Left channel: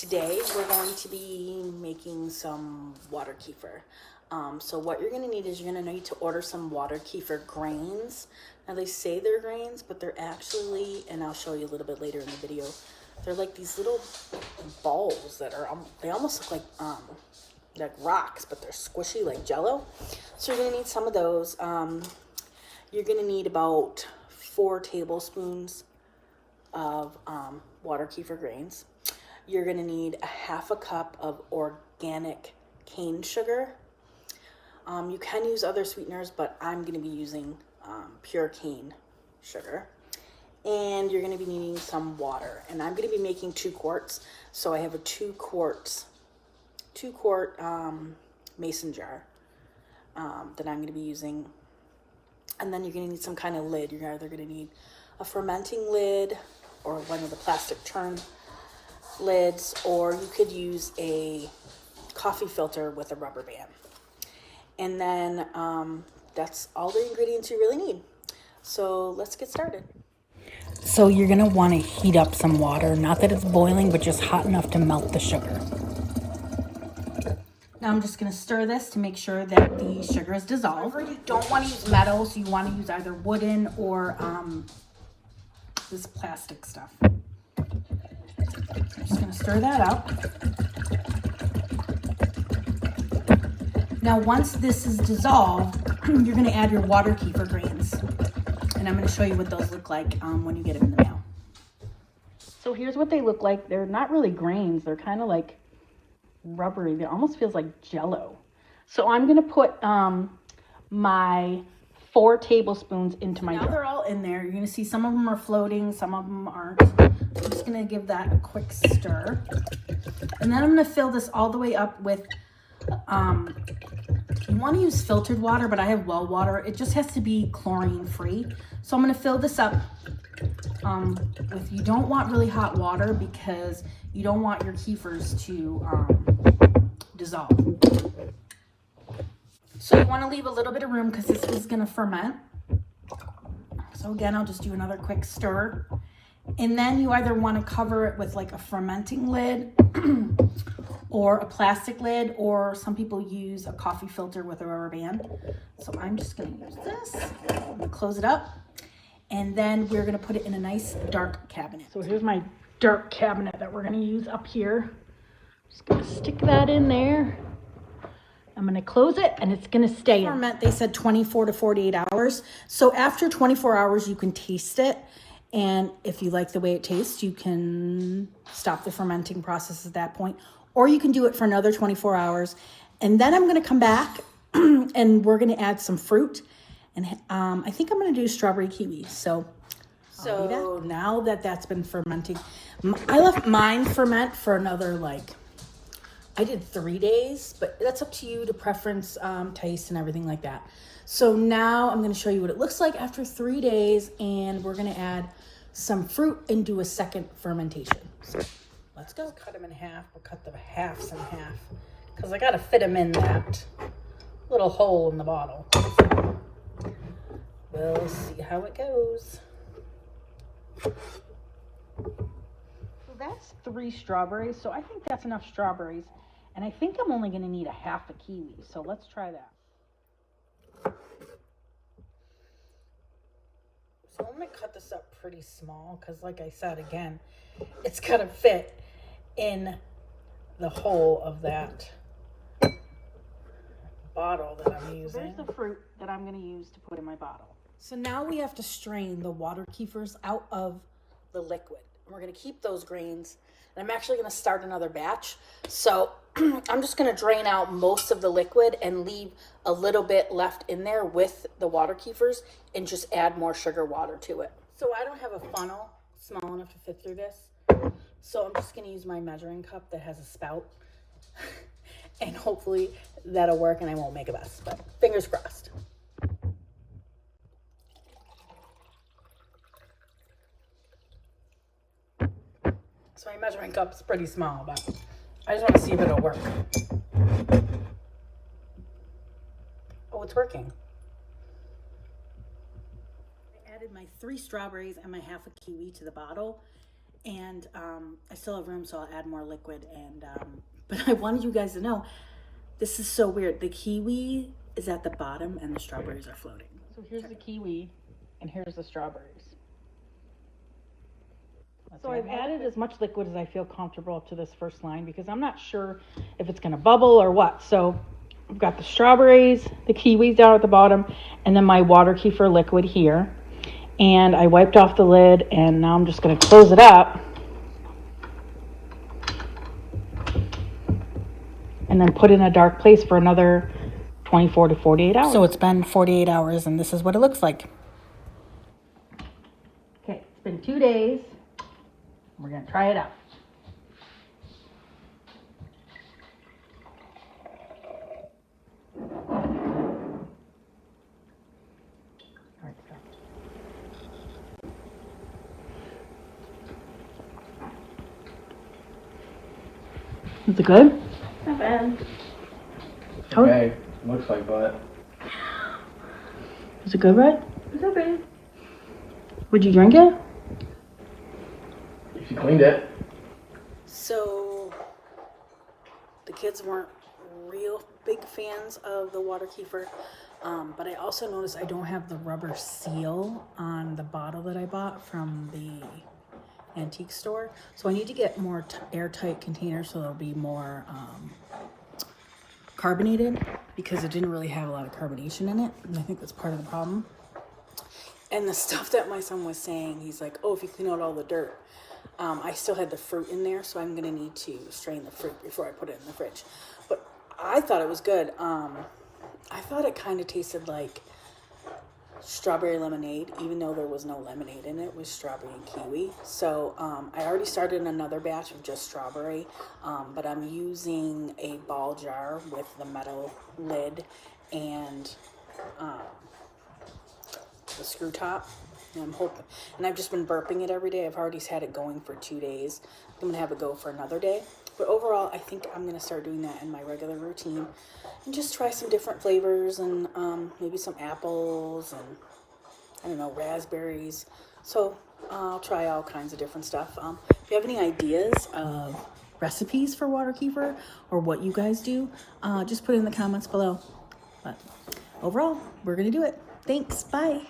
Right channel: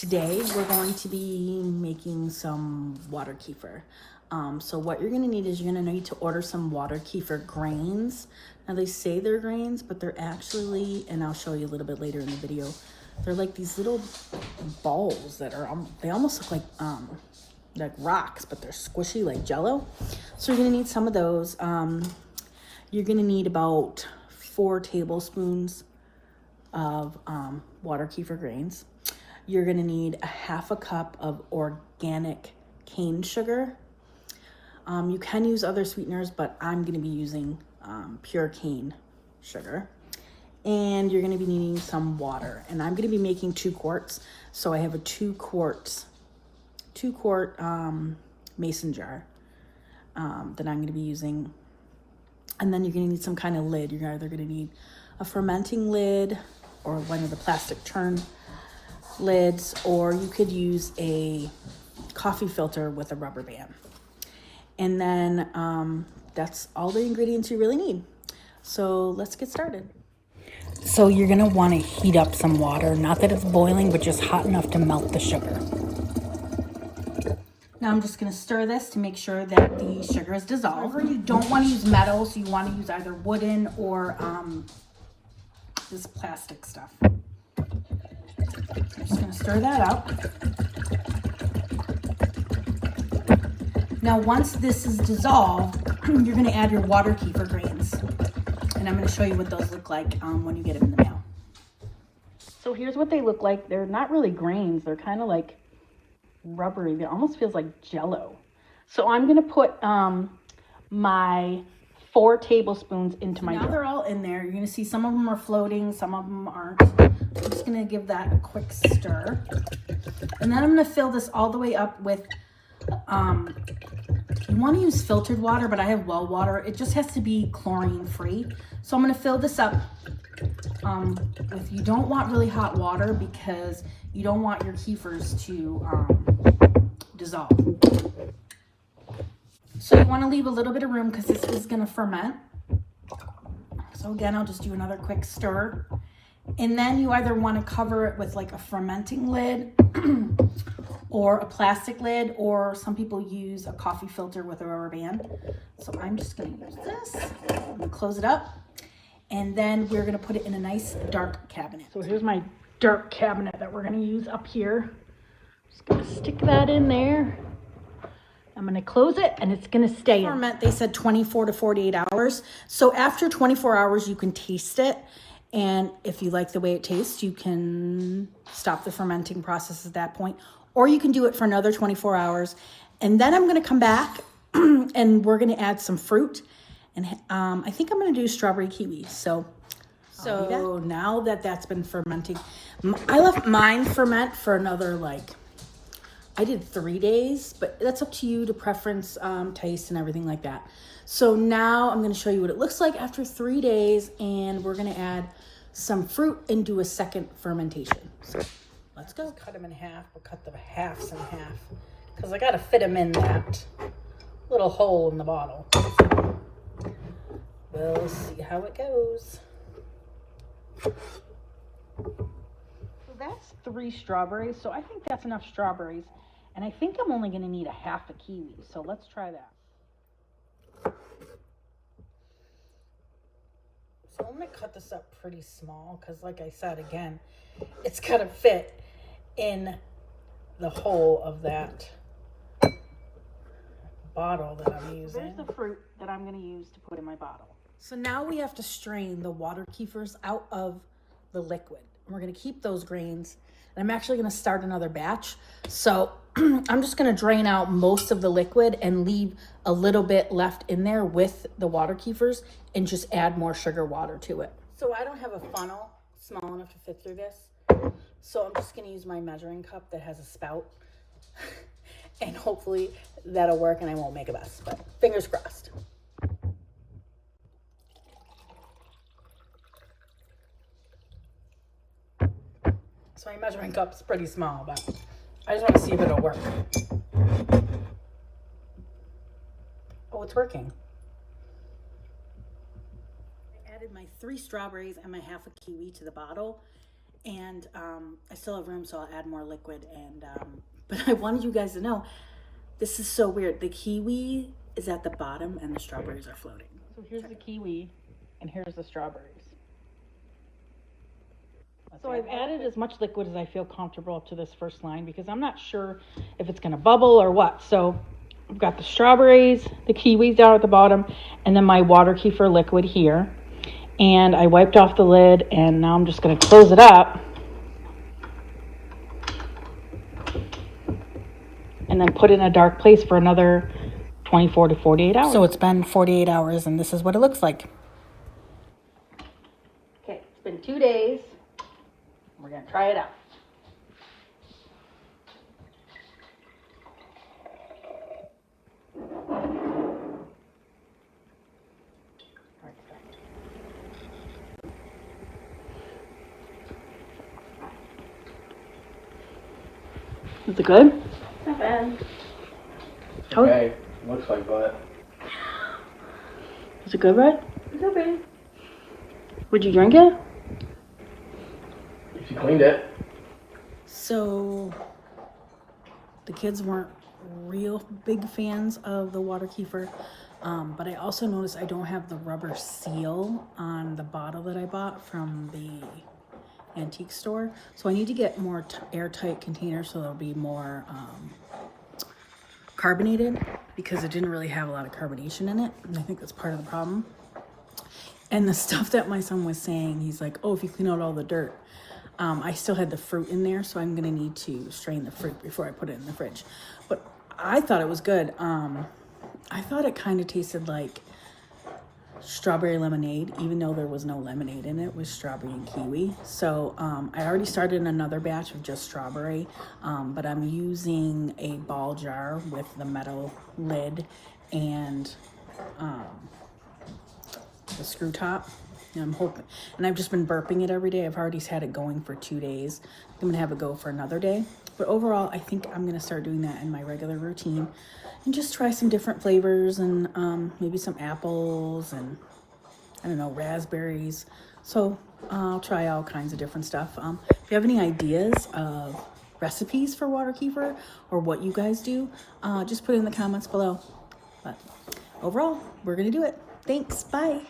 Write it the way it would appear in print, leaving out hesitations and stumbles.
Today we're going to be making some water kefir. So what you're going to need is you're going to need to order some water kefir grains. Now they say they're grains, but they're actually, and I'll show you a little bit later in the video, they're like these little balls that are, they almost look like rocks, but they're squishy like Jello. So you're going to need some of those. You're going to need about 4 tablespoons of water kefir grains. You're going to need a half a cup of organic cane sugar. You can use other sweeteners, but I'm going to be using pure cane sugar. And you're going to be needing some water. And I'm going to be making 2 quarts. So I have a 2 quart mason jar that I'm going to be using. And then you're going to need some kind of lid. You're either going to need a fermenting lid or one of the plastic churn lids, or you could use a coffee filter with a rubber band. And then that's all the ingredients you really need. So let's get started. So you're gonna want to heat up some water, not that it's boiling, but just hot enough to melt the sugar. Now I'm just gonna stir this to make sure that the sugar is dissolved. You don't want to use metal, so you want to use either wooden or this plastic stuff. Just gonna stir that up. Now, once this is dissolved, you're gonna add your water kefir grains. And I'm gonna show you what those look like when you get them in the mail. So here's what they look like. They're not really grains. They're kind of like rubbery. It almost feels like Jello. So I'm gonna put my 4 tablespoons into my jar. They're all in there. You're gonna see some of them are floating, some of them aren't. I'm just gonna give that a quick stir. And then I'm gonna fill this all the way up with, you wanna use filtered water, but I have well water. It just has to be chlorine free. So I'm gonna fill this up. If you don't want really hot water because you don't want your kefirs to dissolve. So you wanna leave a little bit of room because this is gonna ferment. So again, I'll just do another quick stir. And then you either want to cover it with like a fermenting lid or a plastic lid, or some people use a coffee filter with a rubber band. So I'm just going to use this. I'm going to close it up. And then we're going to put it in a nice dark cabinet. So here's my dark cabinet that we're going to use up here. Just going to stick that in there. I'm going to close it and it's going to stay in. Ferment, they said 24 to 48 hours. So after 24 hours, you can taste it. And if you like the way it tastes, you can stop the fermenting process at that point. Or you can do it for another 24 hours. And then I'm going to come back and we're going to add some fruit. And I think I'm going to do strawberry kiwi. So I'll do that. Now that that's been fermenting, I left mine ferment for another, I did 3 days, but that's up to you to preference, taste and everything like that. So now I'm going to show you what it looks like after 3 days, and we're going to add some fruit and do a second fermentation. So let's go. Cut them in half. We'll cut the halves in half because I got to fit them in that little hole in the bottle. We'll see how it goes. So that's 3 strawberries. So I think that's enough strawberries. And I think I'm only going to need a half a kiwi. So let's try that. So I'm going to cut this up pretty small because, like I said, again, it's got to fit in the hole of that bottle that I'm using. There's the fruit that I'm going to use to put in my bottle. So now we have to strain the water kefirs out of the liquid. We're going to keep those grains. And I'm actually going to start another batch. So I'm just going to drain out most of the liquid and leave a little bit left in there with the water kefirs and just add more sugar water to it. So I don't have a funnel small enough to fit through this. So I'm just going to use my measuring cup that has a spout. And hopefully that'll work and I won't make a mess, but fingers crossed. So your measuring cup's pretty small, but I just want to see if it'll work. Oh, it's working. I added my 3 strawberries and my half a kiwi to the bottle. And I still have room, so I'll add more liquid. And but I wanted you guys to know, this is so weird. The kiwi is at the bottom and the strawberries are floating. So here's the kiwi and here's the strawberries. So I've added as much liquid as I feel comfortable up to this first line because I'm not sure if it's going to bubble or what. So I've got the strawberries, the kiwis down at the bottom, and then my water kefir liquid here. And I wiped off the lid, and now I'm just going to close it up. And then put it in a dark place for another 24 to 48 hours. So it's been 48 hours, and this is what it looks like. Okay, it's been 2 days. We're going to try it out. Is it good? Okay, looks like what? Is it good, Brett? It's okay. Would you drink it? If you cleaned it. So, the kids weren't real big fans of the water kefir, but I also noticed I don't have the rubber seal on the bottle that I bought from the antique store. So I need to get more airtight containers so they'll be more carbonated, because it didn't really have a lot of carbonation in it, and I think that's part of the problem. And the stuff that my son was saying, he's like, oh, if you clean out all the dirt, I still had the fruit in there, so I'm gonna need to strain the fruit before I put it in the fridge. But I thought it was good. I thought it kind of tasted like strawberry lemonade, even though there was no lemonade in it. It was strawberry and kiwi. So I already started another batch of just strawberry, but I'm using a ball jar with the metal lid and the screw top. And I'm hoping, and I've just been burping it every day. I've already had it going for 2 days. I'm gonna have it go for another day. But overall, I think I'm gonna start doing that in my regular routine and just try some different flavors and maybe some apples and I don't know, raspberries. So I'll try all kinds of different stuff. If you have any ideas of recipes for water kefir or what you guys do, just put it in the comments below. But overall, we're gonna do it. Thanks, bye.